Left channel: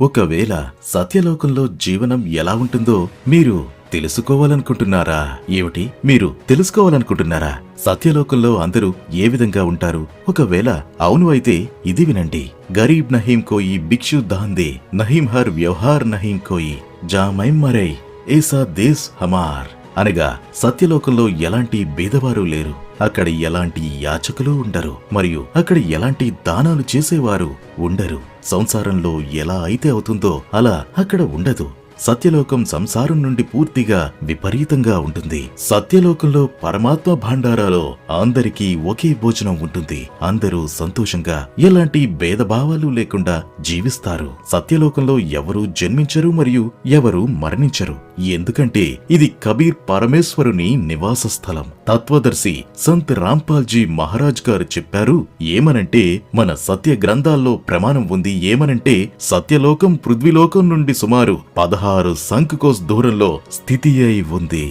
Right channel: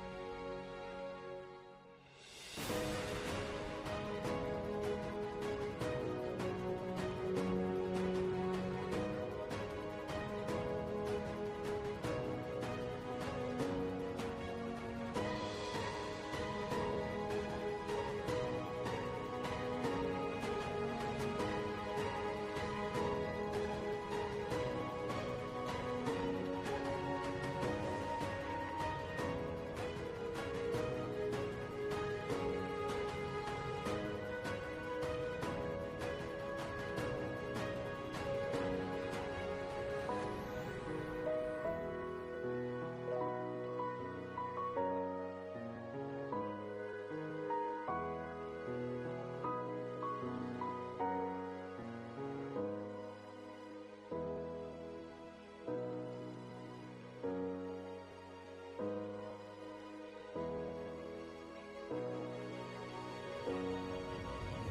ఒకవేళ సత్యలోకంలో జీవనం ఎలా ఉంటుందో మీరు తెలుసుకోవాలనుకుంటున్నారా? ఏమిటి, మీరు తెలుసుకోవాలనుకుంటున్నారా? సత్యలోకంలో అందరూ ఏ విధంగా ఉంటారు? ఒకవేళ అవును అయితే ఇది వినండి. గరీబ్ నహీం కోయి భిక్షు దాందే, నహీం హర్ వ్యవహార్ నహీం కోయి, జామైం మరై ఏసా దేశ్ హమార్. అనగా సత్యలోకంలో ఎలాంటి భేదవారు లేరు, అక్కడ ఎలాంటి యాచకులు ఉండరు, మరియు అక్కడ ఎలాంటి దానాలు చేసేవారు ఉండరు. సంసారంలో ఎలా అయితే అవుతుందో అలా అక్కడ ఉండదు. సత్యలోకం సంసారం నుండి పూర్తిగా విపరీతంగా ఉంటుంది. సత్యలోకంలో పరమాత్మ భాండారాలో అందరికీ ఒకే భోజనం ఉంటుంది. అందరూ సంతోషంగా ఎలాంటి భేదభావాలు లేకుండా జీవిస్తారు. సత్యలోకంలో ఎవరూ జన్మించరు మరియు ఎవరూ మరణించరు. ఎందుకంటే ఇది కబీర్ పరమేశ్వరుని నివాస స్థలం. తత్వదర్శి సంత్ రాంపాల్జీ మహారాజ్ గారు చెప్పారు ఏమనంటే, మన సత్య గ్రంథాల్లో ప్రమాణం ఉంది ఏమనంటే, సత్యలోకం పృథ్వీలోకం నుండి సుమారు 16 సంఖ్కోస్ దూరంలో స్థితి అయి ఉంది.